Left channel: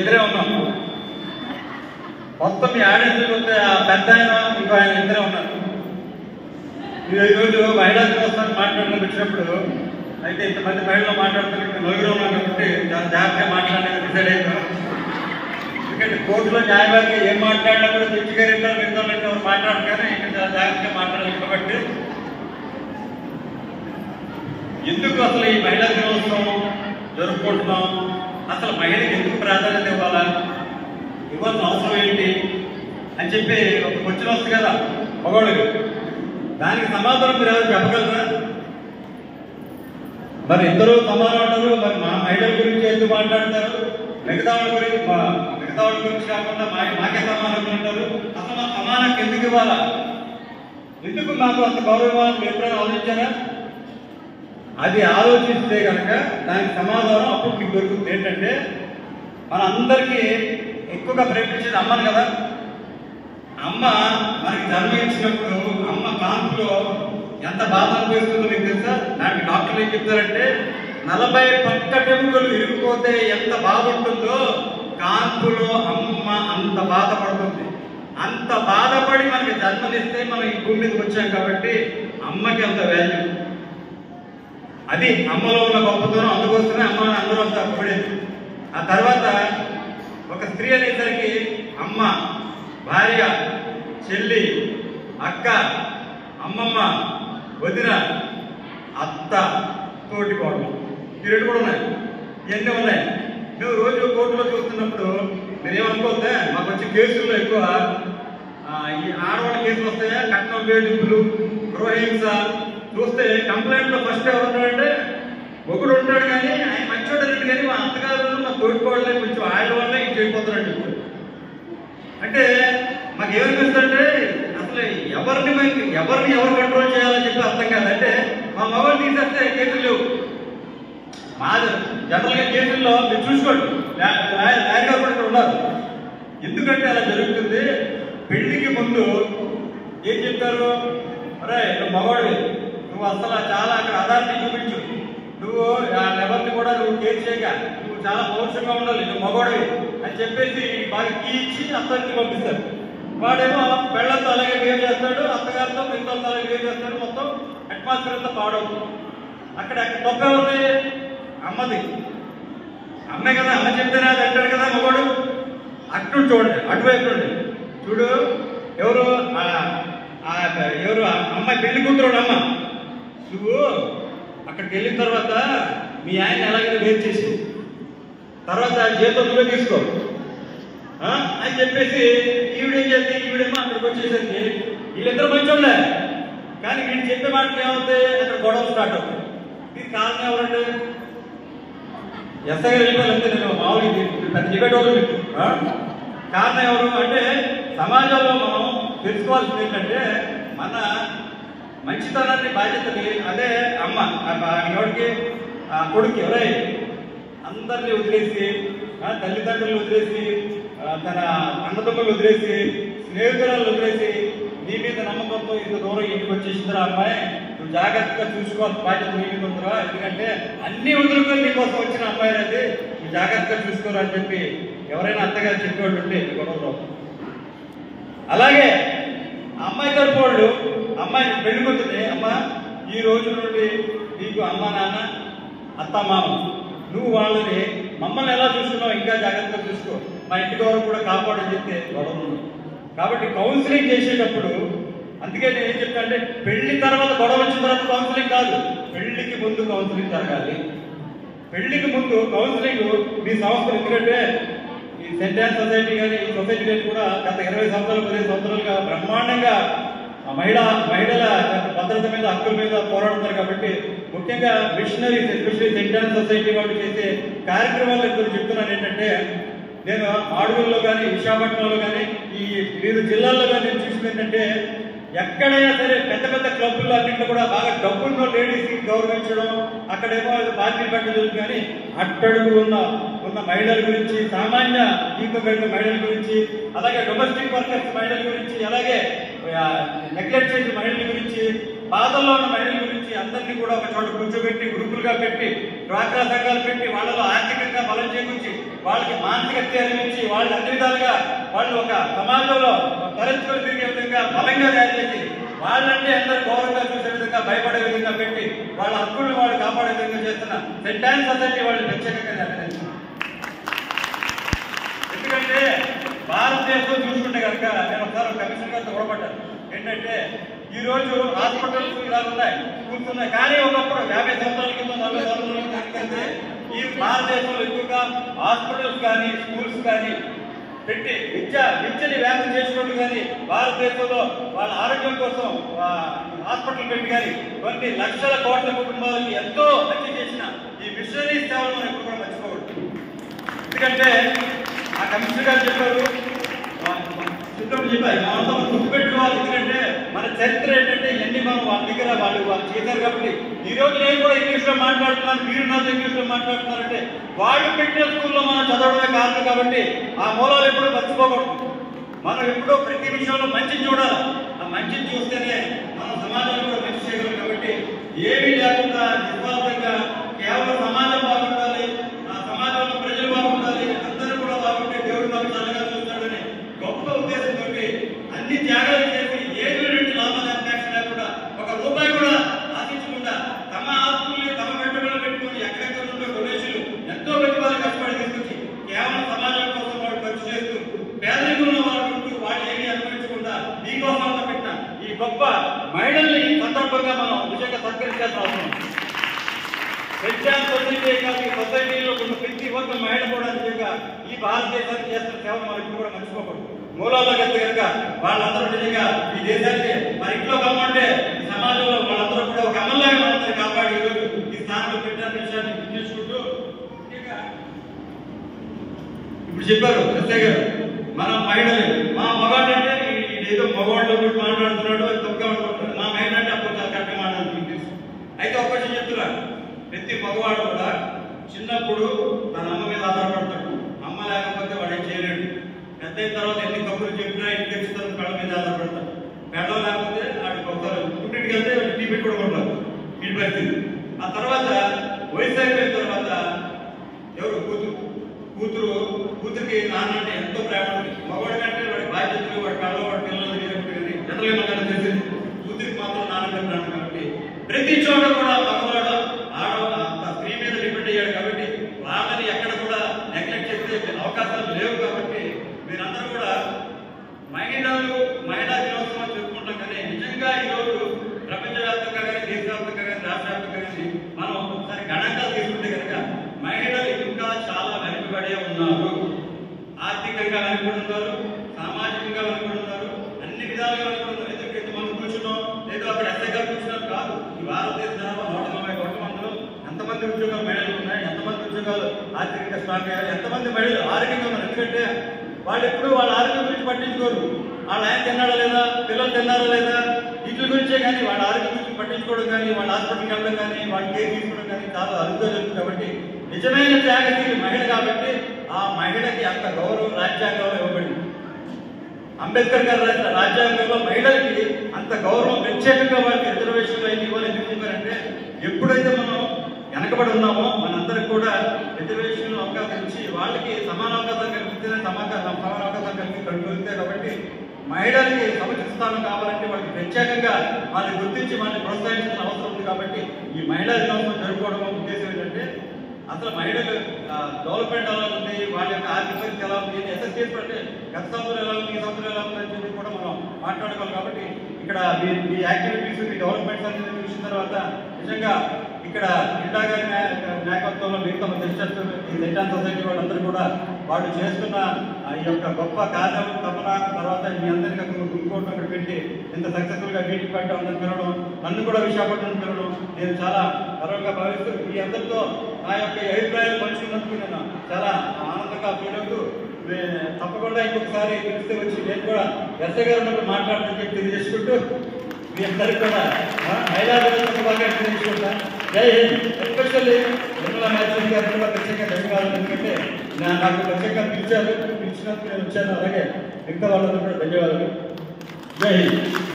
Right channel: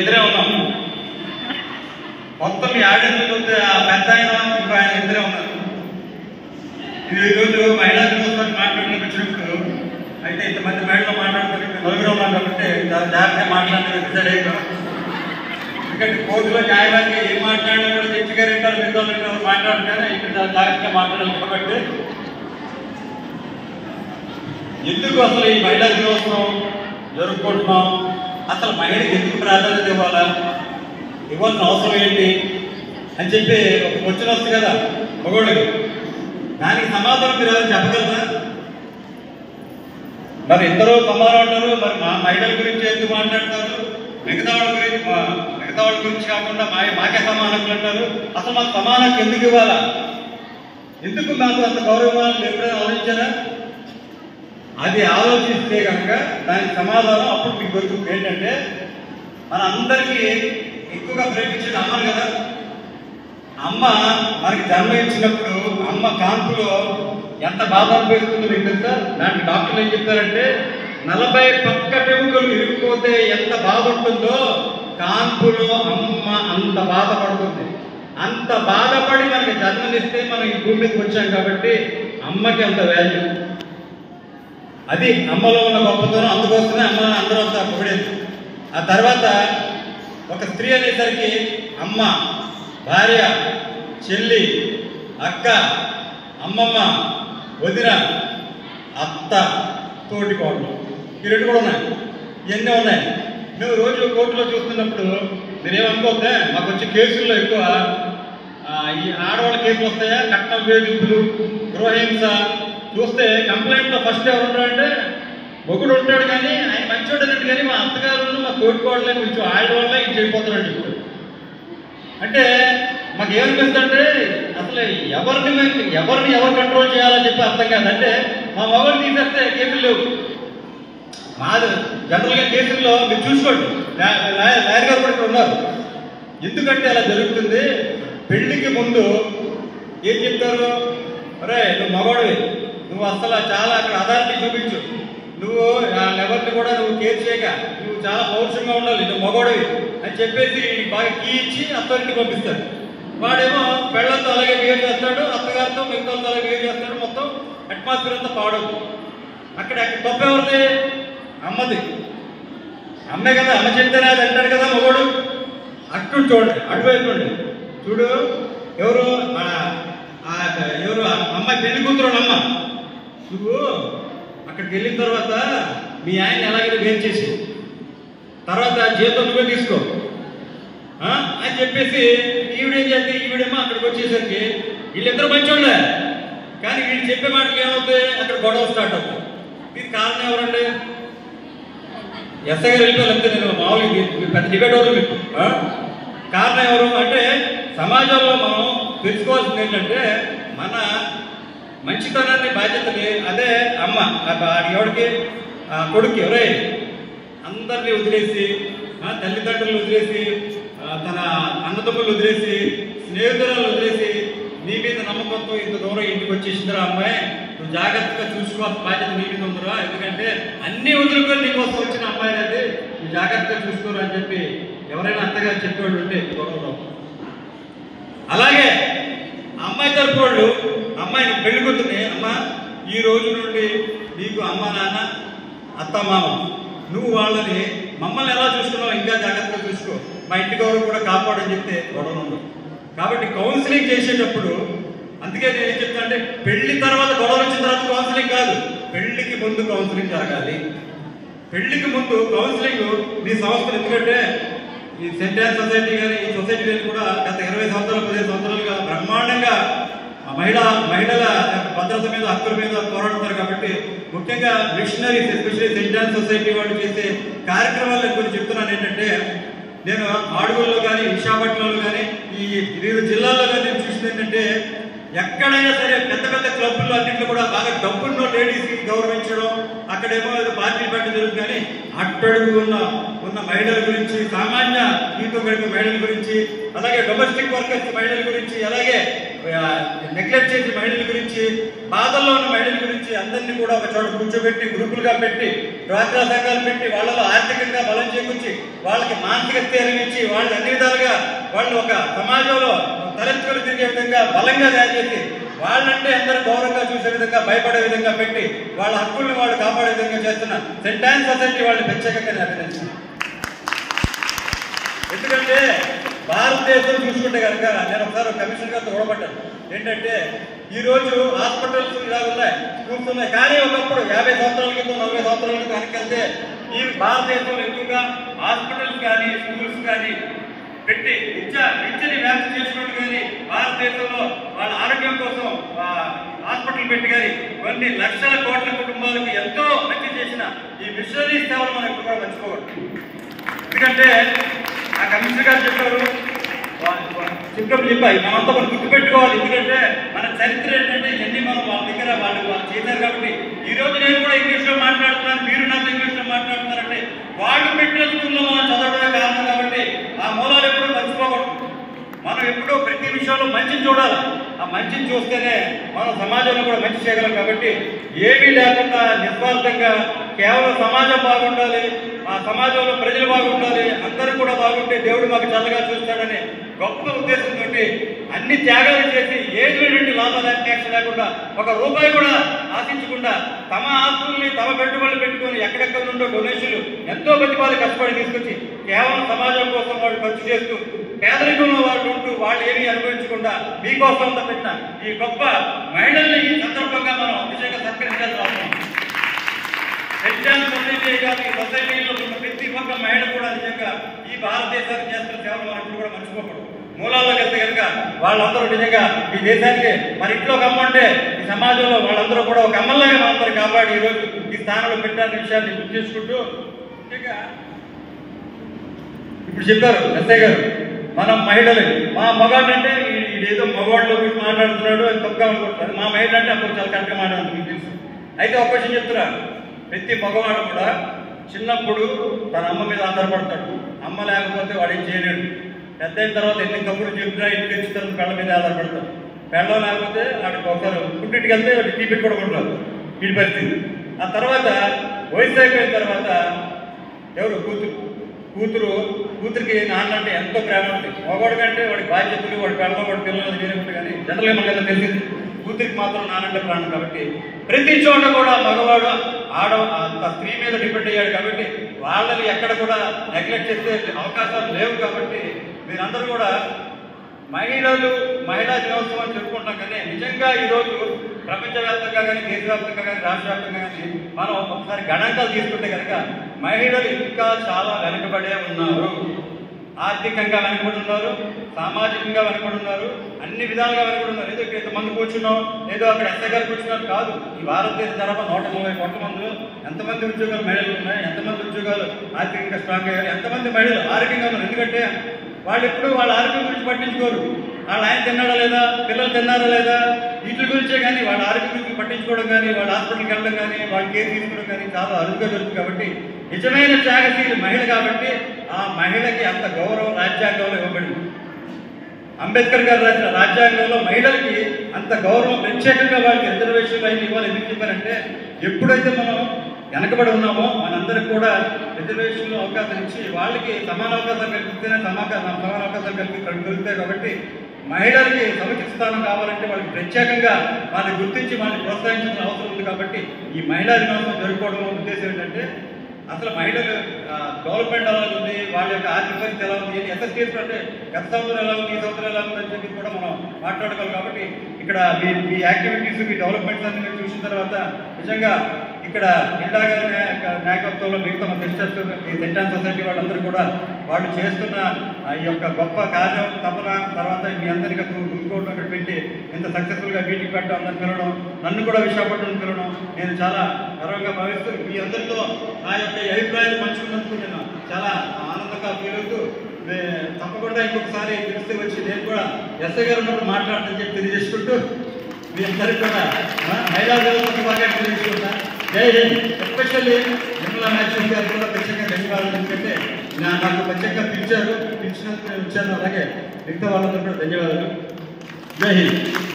ఇద్దరే ఉన్నాం. మొత్తం ఈ ఆడియన్స్ పెద్ద ఇంకో ఆయన ఇద్దరే ఉన్నారు. ఇది ఈరోజు మహిళా దినోత్సవం మాట్లాడడానికి వచ్చినప్పుడు అయితే ఇంతమంది మహిళలు మాట్లాడుతున్నప్పుడు నలుగురు ఉన్నారు కాబట్టి జాగ్రత్తగా మాట్లాడలేదు. ఎందుకంటే కోర్టులో న్యాయవాదిగా ఏం మాట్లాడినా కూడా జడ్జి గారు ఇద్దరు మిగతా మాట్లాడగానే ఇక్కడ జాగ్రత్తగా మాట్లాడలేదు. కాబట్టి ఎందుకు అసలు ఈ మహిళా దినోత్సవం జరుపుకుంటున్నాం, అసలు మహిళకి ఎందుకు ప్రాధాన్యత ఇవ్వాలా, ఇవ్వాల్సిన అవసరం ఏంటి అని చెప్పి ఒక క్వశ్చన్ వస్తుంది కదా మగవాళ్ళకి. దానికి సమాధానం మీరు ఎవరు చెప్పగలరా? మరి ఇద్దరు సమాధానం అంటారు. మరి నా మహిళల గురించి ఎందుకు మాట్లాడతారు, మిగతా వాళ్ళ గురించి కాకుండా మాకే సమానం అంటారు. అసలు మాకు సమానం ఎందుకు ఇవ్వాలా, ఎందుకు మాకు అంత గౌరవం ఎప్పుడైనా ఆలోచించారా? అది ఆలోచిస్తే కనుక దానికి సమాధానం అప్పుడు మీకు దొరుకుతుంది. ఏంటంటే మన అందరికీ ఎక్కువగా ప్రేమించేది అమ్మను కదా. అమ్మ మనకి జన్మనిచ్చినప్పుడు అమ్మ కాన్పులో ఎంత బాధ అనుభవిస్తుందో మీకు తెలుసా? దానికి డాక్టర్లు ఏం చెప్తారంటే 40 పక్కటెముకలు ఇరిగిపోతే ఎంత బాధ ఉంటుందో కాన్పులో అమ్మ అంత బాధపడుతుంది. అంత బాధపడి మనకి జన్మనిస్తే మనం ఈ భూమి మీదకి వచ్చాం కాబట్టి అమ్మకి అంత వాల్యూ. అది అమ్మలో ఉన్న గొప్పతనం. అందుకోసమే అమ్మని అందరూ అంతా పొగిడేది. ఆ తర్వాత ఒక స్త్రీ అనేసరికి అమ్మ, భార్య, చెల్లి, అక్క, అమ్మమ్మ, వదిన, అత్త, తోటి కోడలు, ఈ రెండు కూడా ఉన్నాయి. ఇవన్నీ ఉన్నాయి. మేము రోజు కోర్టులో చూస్తున్నప్పుడు మీరేమనుకోతే మాకు వచ్చే కేసుల్లో ఎక్కువ ఈ ఆడవాళ్ళ కేసులు వస్తాయా, కట్నం వేధింపులు, గృహహింస చూస్తే కంప్లైంట్లో ఫస్ట్ ఎవరు ఉంటాడంటే ఒకడు ఉంటాడు. కానీ ఆయన మంచోడు అనేది కానీ మా అత్తగారు మా తోటికోళ్ళే కొంచెం ఆడవాళ్ళే ఇది చేయబోతారని చెప్పారు. అంటే మాకు ఏమనిపిస్తుంటే అసలు ఎవరిని ఎవరు కంట్రోల్ చేయాలని చెప్పి అర్థం కాదు. అంటే మా మగవాళ్ళు తీసేస్తే కేసులు లేవు. మాది జనరల్గా కేసుల్లో మీరు చూసుకోండి, లాయర్ గారు కూడా ఉన్నారు. ఎందుకంటే అలా జరుగుతుంది. పెళ్లికి ముందు ఏం చెప్తారు, అరే నువ్వు మగవాడివి, నువ్వు అసలు చాలా అక్కడ అథారిటీ చూపించు, నువ్వు ఎవరిని కూడా నువ్వు కేర్ చేయక, నువ్వు చాలా పౌరుషంగా ఉండాలి, నువ్వు మగవాడివి అని చెప్పేసి బాగా కీ ఇచ్చి అత్తగారికి పంపిస్తారు. వాడేమో పెళ్ళంతా అలాగే బిహేవ్ చేస్తాడు, అత్తగారితో మిగతా అలాగే బిహేవ్ చేస్తాడు. మొత్తం అట్మాస్ఫియర్ అంతా పాడవుతుంది. అక్కడ తప్పు ఎవరిది? అమ్మది. అమ్మే కదా, అమ్మ చెప్తేనే అది అంటాడు కదా మగవాడు. అక్కడ చూడండి, అటువైపు చూడు, ఎవరు అమ్మాయి పెళ్లి కూతురు అమ్మ, నువ్వు అక్కడికి వెళ్ళిన తర్వాత మీ ఆయన ఎలాగైనా వేరు చేసి తర్వాత జీతం నువ్వే తీసుకో అని చెప్పేసి ఈవిడేం చేస్తే ఈవిడేమో అక్కడికి వచ్చేసరికి వీళ్ళిద్దరు మంచోళ్ళే. కానీ వీళ్ళు చెప్పే మాటలు ఏమవుతాయి, అక్కడ గొడవ స్టార్ట్ అవుతాయి. దీనికి కారణం ఎవరండి? ఎస్ఐ గారు వెళ్ళిపోతే నేను మామూలుగా పెద్ద డిబేట్ పెట్టు. కారణం ఎవరు అంటే సమాజంలో మనం తెలుసుకోవాల్సింది ఏంటంటే మన మంచితనాన్ని బాధ్యతని అదే అమ్మ ఎవరికి కొడుకు ఎవరై అందరినీ వదిలేసి తల్లిదండ్రులు వదిలేసి తన అన్నదమ్ములు వదిలేసి స్నేహితురాలు వదిలేసి నీ మీద నమ్మకంతో ఇంత దూరం ఇంటికి వచ్చేసిందిరా అమ్మాయి, నువ్వు జాగ్రత్తగా చూసుకోవాల్సిన బాధ్యత నీ మీద ఉందిరా, ఎందుకంటే అన్ని వదులుకొని నీకోసం వచ్చిన అమ్మాయి అది, నువ్వు జాగ్రత్తగా చూసుకోరు అని చెప్పి ఎవరైనా అత్తగారు చెప్పేవాళ్ళు ఉంటే గొడవలో. అలాగే అమ్మాయి తరపు వాళ్ళు అమ్మాయిని పెళ్లి కూతుర్ని, అమ్మ ఈ రోజు నుండి నీకు అమ్మ నాన్న అత్త మామ, నువ్వు వాళ్ళని మమ్మల్ని ఎలా చూసుకున్నావు ఇంకా జాగ్రత్తగా చూసుకో, మా ఇంటి గౌరవం కూడా కాపాడని చెప్తే గొడవ ఉంది. కాబట్టి కౌన్సిలింగ్ చేసేటప్పుడు అందుకే నేను ఏం చెప్తానంటే పెళ్లి తర్వాత గొడవలు వచ్చిన తర్వాత కౌన్సిలింగ్ కాదు, పెళ్లికి ముందు కౌన్సిలింగ్ జరగాలి. పెళ్లికి ముందు కౌన్సిలింగ్ మీ సంస్థలు, ఎందుకంటే ఈ సెంటర్ సొసైటీ కానీ ఈ సొసైటీ కానీ కూడా గత 20 సంవత్సరాలు 15 సంవత్సరాలుగా బ్రహ్మాండంగా మహిళల భద్రత మీద హక్కుల మీద పోరాడతారు. కాబట్టి ముఖ్యంగా మిషనరీస్ ఎస్పెషల్లీ సెంటర్ సొసైటీ వాళ్ళు చేసే కార్యక్రమాలు కొన్ని చెప్తున్నాను. ఏంటంటే నేను ఆడుగుల్లో కానీ విశాఖపట్నంలో కానీ ఈ వివిధ జిల్లాల్లో కానీ చూసింది ఏంటంటే ఎక్కడైనా సరే పెద్ద పెద్ద క్లబ్ల్లో అన్నింటిలో కూడా బాగా డబ్బున్న లేడీస్కి గౌరవించడం, అక్కడేమో పార్టీలు పెట్టడం జరుగుతుంది. కానీ అట్టడుగు ఉన్న మహిళల గురించి, సామాన్య జీవితం గడిపే మహిళల గురించి, అలాగే డొమెస్టిక్ వర్కర్స్ మహిళల గురించి, అలాగే నెగ్లెక్ట్ చేసి మహిళల గురించి, బాధల్లో ఉన్న మహిళల గురించి అందరినీ కూడా ఒక చోట కూర్చోబెట్టి గ్రూపులుగా పెట్టి డ్వాక్రా సంఘాలు పెట్టి వాళ్ళలో ఆర్థికంగా బలం చేకూర్చి వాళ్ళకి మానసిక స్థైర్యం ఇచ్చి వాళ్ళు అన్ని విధాలుగా వాళ్ళు ఒక సమాజంలో తలెత్తుకుని తిరిగే విధంగా బలంగా తయారు చేసి వాళ్ళంటే అందరూ గౌరవంగా చూసే విధంగా భయపడే విధంగా పెట్టి వాళ్ళ హక్కుల్ని వాళ్ళు కాపాడే విధంగా చేస్తున్న సెయింట్ యాన్ సొసైటీ వాళ్ళు ప్రత్యేకంగా అభినందిస్తున్నాను. ఎందుకంటే భారతదేశం చూసుకుంటే కనుక నేను ఒకసారి కమిషనర్ గారితో గొడవపడ్డాను. ఏంటంటే ఈరోజు హాస్పిటల్స్ ఇలా ఉన్నాయి, స్కూల్స్ ఉన్నాయి, కానీ ఒకప్పుడు 50 సంవత్సరాల క్రితం 40 సంవత్సరాల క్రితం కనుకంటే ఈ భారతదేశంలో ఎక్కువగా హాస్పిటల్స్ కానీ స్కూల్స్ కానీ పెట్టి విద్యని వ్యాప్తి చేసుకుంటూ కానీ భారతదేశంలో వాళ్ళ ఆరోగ్యం కోసం హాస్పిటల్ పెట్టి కానీ కొన్ని లక్షల కోట్ల కుటుంబాలకి ఎంతో మంచి చేసిన ఈ మిషనరీ సేవలు మనం ఎక్కువగా మర్చిపోవచ్చు. ఎందుకంటే ఆ కమిషనర్ గారు చెప్పాయి మనతో మనం గుర్తుపెట్టుకోవాలి. ఎందుకంటే మన చరిత్ర ఏంటంటే ఇవన్నీ మనం వాళ్ళ దగ్గర వాళ్ళు చేశారు కాబట్టి ఈ రోజు నేను కూడా ఇంగ్లీష్లో మాట్లాడుతున్నాను, మీరు నాతో ఇంగ్లీష్లో మాట్లాడుతున్నారంటే వాళ్ళు పెట్టిన స్కూల్లో మనం చదవడమే కారణం. కాబట్టి ఆ మూలాలు ఎప్పుడూ మర్చిపోకూడదు. మనం ఎప్పుడూ ప్రతి విషయంలో మంచిని చూడాలి. ఆ మంచిని చూస్తేనే మనం సమాజంలో కూడా మంచి చేయగలం. కాబట్టి ఏమీ లేకుండా నిస్వార్థంగా కేవలం సమాజం బాగుండాలి, ఆ సమాజంలో ప్రజలు బాగుండాలి, అందరూ కూడా బాగుంటే దేవుడు మాకు చల్లగా చూస్తాడని గొప్ప ఉద్దేశంతో అన్ని త్యాగాలు చేసి ఏటువంటి లాభదాయక లేకుండా ఒక రూపాయి కూడా ఆశించకుండా తమ ఆస్తుల్ని తమ పెట్టుబడులు పెట్టుకుని ఎక్కడెక్కడ నుండో డొనేషన్లు ఎంతో మంది వాళ్ళు కష్టపడి తీసుకొచ్చి కేవలం సమాజం కోసం వాళ్ళు ఖర్చు చేస్తూ పేదరికంలో వాళ్ళు ఉంటూ వాళ్ళు ఏమీ అనుభవించకుండా మీకోసం పెట్టిన ఈ గొప్ప మహిళల్ని ఈ సందర్భంగా మనం నిజంగా సత్కరించాల్సిన అవసరం. సొసైటీ కాదు, ఈ సొసైటీలో ఉన్న ప్రతి ఒక్క మహిళ కూడా నిజంగా ఈ భారతదేశానికి చేస్తున్న సేవలు మనం ఇప్పుడు కూడా మర్చిపోకూడదు. మూలాల్లో వెళ్తే కనుక వాళ్ళందరూ నిజంగా ఈ దేశానికి మన ఇంట్లో ఒక అమ్మ అంటే ఈ సమాజంలో వాళ్ళందరూ కూడా ఒక అమ్మలాగా మనందరూ కాపాడి ఈరోజు ఈ స్థానంలో పెట్టాలని విషయాన్ని గుర్తు చేసుకుంటూ నిజంగా ఇప్పుడు చెప్పారు ఎస్ఐ గారు, మనం మహిళలు మా మగాడు అంటే ఏదో మగవాడిలో గురించి మాట్లాడుతున్నాడు అని తప్పుగా అనుకుంటున్నాడు, మా మహిళ అంటే అప్పుడు చాలా కరెక్ట్గా మాట్లాడుతుంది. అయితే ఒక విషయం చెప్తున్నారు, ప్రతి మగవాడు కూడా చిన్నప్పుడు తన అమ్మ మీద ఆధారపడతాడు. అమ్మ లేకపోతే వాడు ఏం చేయలేడు. పెద్ద అయిన తర్వాత ఎన్ని తప్పులు చెప్పినా ఇంటికి వచ్చిన తర్వాత పెళ్ళ మీద ఆధారపడతాడు. పెళ్ళం లేకపోతే వాడికి ఒకసారి పుట్టింటికి వెళ్తే వాడికి టీ పెట్టుకోవడం ఇంటి పరిస్థితి. ఆ తర్వాత వయసు అయిపోయిన తర్వాత ఎవరు కూతురికి నాన్న అంటే ఎంతో ప్రేమ ఉంటుంది. మగవాడి కంటే వాడి బాధ్యతలు వాడి పెళ్ళ వాడి పిల్లలు చేయనప్పుడు కానీ జనరల్గా మనకు తెలిసింది కూతురికి మాత్రం నాన్నంటే ప్రాణం. కాబట్టి ప్రతి చోట కూడా మగవాడు స్త్రీ మీద డిపెండ్ అయ్యాడు. కాబట్టి వాళ్ళని ఎక్కడ కూడా నెగ్లెక్ట్ చేసే అవకాశాలు లేవు. కాబట్టి మీరందరూ కూడా మహిళా దినోత్సవం చెప్పుకుంటాం. కానీ నిజంగా ఈరోజు ప్రపంచవ్యాప్తంగా కానీ దేశవ్యాప్తంగా కానీ రాష్ట్ర వ్యాప్తంగా కానీ మనం ఒకసారి గణాంకాలు తీసుకుంటే కనుక మహిళలు ఇంకా చాలా వెనుకబడే ఉన్నారు. ఆర్థికంగా వెనుకబడి ఉన్నారు, సామాజికంగా వెనుకబడి ఉన్నారు, అన్ని విధాలుగా వెనుకబడి ఉన్నారు. ఏదో ఇక్కడ ఎంతమంది కూర్చున్నాం, ఏదో అక్కడ ఎంత గారు కూర్చున్నాం కాదు. ఈ భారతదేశ జనాభా 140 కోట్ల మందిలో ఎంతమంది ఉద్యోగాలు మహిళలు ఉన్నాయి, ఎంతమంది ఉద్యోగాలు ఆర్థికంగా స్ట్రాంగ్ అయ్యారు, ఎంతమంది మహిళలు ఆరోగ్యంగా ఉన్నారు. ఎందుకంటే వాళ్ళు ఎప్పుడు వాళ్ళ ఆరోగ్యం గురించి పట్టించుకోరు. వాళ్ళ ఆయన తిన్నాడా లేదా, పిల్లలు తిన్నారా లేదా, వీటి గురించే కానీ వాళ్ళ ఆరోగ్యం గురించి పట్టించుకోవడం కానీ వాళ్ళ హాస్పిటల్కి వెళ్ళడం కానీ వాళ్ళ కేర్ తీసుకోవడం కానీ చాలా అరుదుగా జరుగుతుంది. కాబట్టి నిజమైన త్యాగశీలి మహిళ. కాబట్టి ఆ మహిళకి అంత గౌరవం రాజ్యాంగంలో ఇవ్వబడింది. అంబేద్కర్ గారు రాసిన రాజ్యాంగంలో మహిళలకి అంత గౌరవం ప్రత్యేకంగా వాళ్ళకి రిజర్వేషన్లు అయిన ఇవ్వాలి. ఎందుకు చెప్పారంటే ఎప్పుడైతే మనం వెనకబడి ఉన్నామో మనందరికి కూడా రిజర్వేషన్లు అవకాశం ఇచ్చి వాళ్ళకి సమాన అవకాశాలు కల్పిస్తేనే సమాన అవకాశాలు కలుగుతాయి. కాబట్టి మహిళలకి సముచిత స్థానం కావాలంటే వాళ్ళకి ప్రత్యేకంగా వాళ్ళని గుర్తించి వాళ్ళని ప్రోత్సహించాల్సిన అవసరం ఉంది. కాబట్టి ఈ మహిళా దినోత్సవం జరుపుకోవడం ఉద్దేశం ఏంటంటే అసలు మహిళలు డెవలప్మెంట్ ఎలా ఉంది, వాళ్ళ యొక్క ఆర్థిక పరిస్థితి ఎలా ఉంది, ఎస్ఎస్టీస్ అంటే గత సంవత్సరం ఎలా ఉంది, ఈ సంవత్సరం ఎలా ఉంది అని చెప్పి కూడా మనం మాట్లాడుకోవాలి. కాబట్టి ఇక్కడ మీ యాక్టివిటీస్ మీ డెవలప్మెంట్స్ అన్ని చూసిన తర్వాత నిజంగా ఇక్కడ జిల్లా గారి నాయకత్వంలో మిగతా సిస్టర్స్ ఈ సెయింట్ యాన్ సొసైటీ వాళ్ళందరూ కూడా వాళ్ళు చేస్తున్న ఈ యొక్క గొప్ప కార్యం తపన తర్వాత మీ అందరికీ ఇంకోటి పెట్టి ఇంత సక్సెస్ఫుల్గా మీటింగ్ పెట్టడం అందరూ పిలవడం, నన్ను కూడా విశాఖపట్నం పిలవడం నేను చాలా గర్వంగా భావిస్తూ మీ అందరితో నా యొక్క అభిప్రాయాలు పంచుకున్నందుకు నేను చాలా ఆనందంగా ఫీల్ అవుతూ తప్పకుండా ఇంకొకసారి పిలిస్తే వచ్చి నేను కూడా ఎస్ఐ గారు ఉన్నప్పుడు మాట్లాడుతుందని చెప్పి తెలియజేసుకుంటూ మీ అందరికీ కూడా మహిళా దినోత్సవం బాగా తెలియజేసుకుంటా. జై హింద్. ఎస్పెషల్లీ నిర్మలా మ్యాజిస్ట్రేట్ గారు కూడా ప్రత్యేకంగా ధన్యవాదాలు. ఎందుకంటే నాకు ప్రత్యేకంగా పిలిచినందుకు నేను వచ్చాను. అలాగే మిగతా వాళ్ళందరూ కూడా ధన్యవాదాలు. జై హింద్.